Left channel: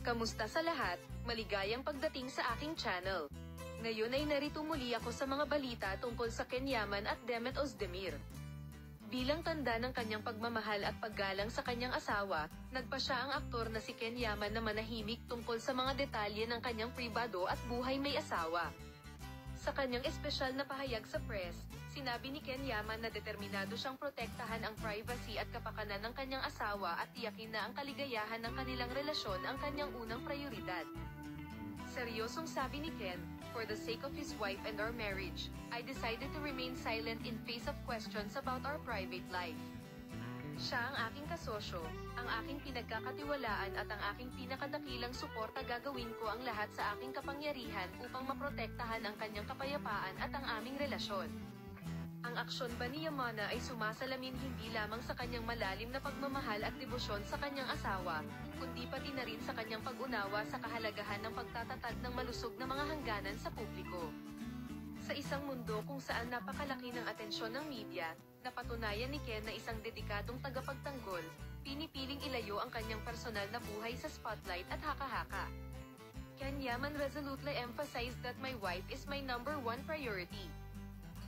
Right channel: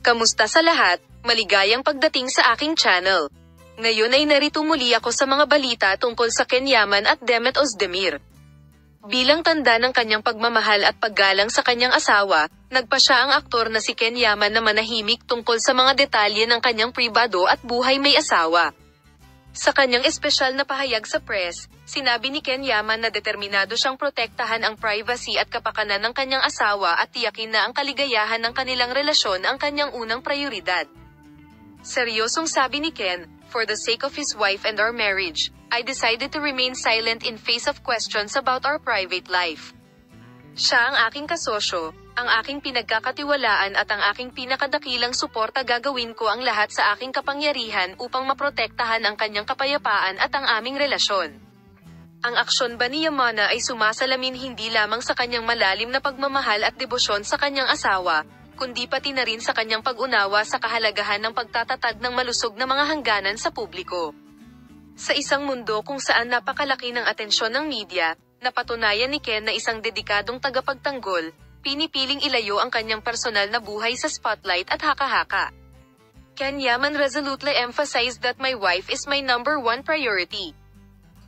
Kamusta sa lahat? Maligayang pagdating sa aking channel. Ngayon ay narito muli ako sa mga balita tungkol sa Ken Yaman at Demet Özdemir. Bilang tanda ng kanyang pagmamahal at paggalang sa kanyang asawa, nagpa siya ang aktor na si Ken Yaman na manahimik tungkol sa mga detalye ng kanyang pribado at buhay may asawa. Sa kanyang espesyal na pahayag sa press, sinabi ni Ken Yaman na determinado siyang protektahan ang privacy at kapakanan ng kanyang asawa at tiyakin na ang kaligayahan ng kanilang relasyon ang kanyang unang prioridad. Seryosong sabi ni Ken, "For the sake of his wife and our marriage, I decided to remain silent in face of questions about our private life. Siya ang aking kasosyo, ang aking pinagkakatiwalaan at ang aking pinakadakilang suporta. Gagawin ko ang lahat sa aking kapangyarihan upang maprotektahan ang kanyang kapayapaan at ang aming relasyon." Ang aksyon ba ni Yamana ay sumasalamin hindi lamang sa kanyang malalim na pagmamahal at debosyon sa kanyang asawa, kundi pati na rin sa kanyang pag-unawa sa kahalagahan ng pagtatatag ng malusog na mga hangganan sa publiko. Sa isang mundo kung saan napakalaki ng atensyon ng media, napatunayan ni Ken na isang dedikadong tagapagtanggol, pinipiling ilayo ang kanyang personal na buhay sa spotlight at haka-haka. Ken Yaman resolutely emphasized that my wife is my number one priority.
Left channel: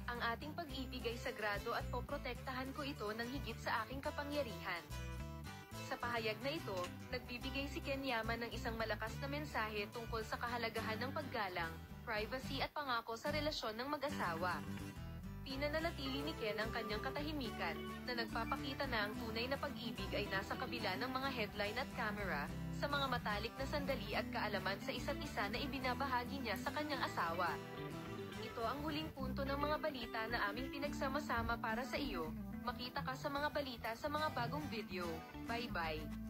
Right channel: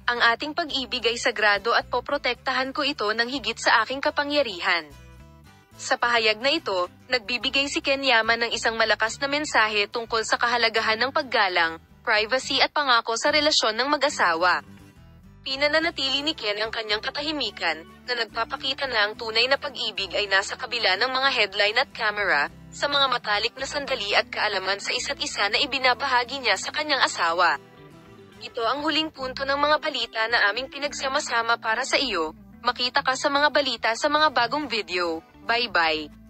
Ang ating pag-ibig ay sagrado at poprotektahan ko ito ng higit sa aking kapangyarihan. Sa pahayag na ito, nagbibigay si Ken Yaman ng isang malakas na mensahe tungkol sa kahalagahan ng paggalang, privacy at pangako sa relasyon ng mag-asawa. Pinananatili ni Ken ang kanyang katahimikan, na nagpapakita na ang tunay na pag-ibig ay nasa kabila ng mga headline at camera, sa mga matalik na sandali at kaalaman sa isa't isa na ibinabahagi niya sa kanyang asawa. Ito ang huling punto ng mga balita na aming pinagsama-sama para sa iyo. Makita ka sa mga balita sa mga bagong video. Bye-bye.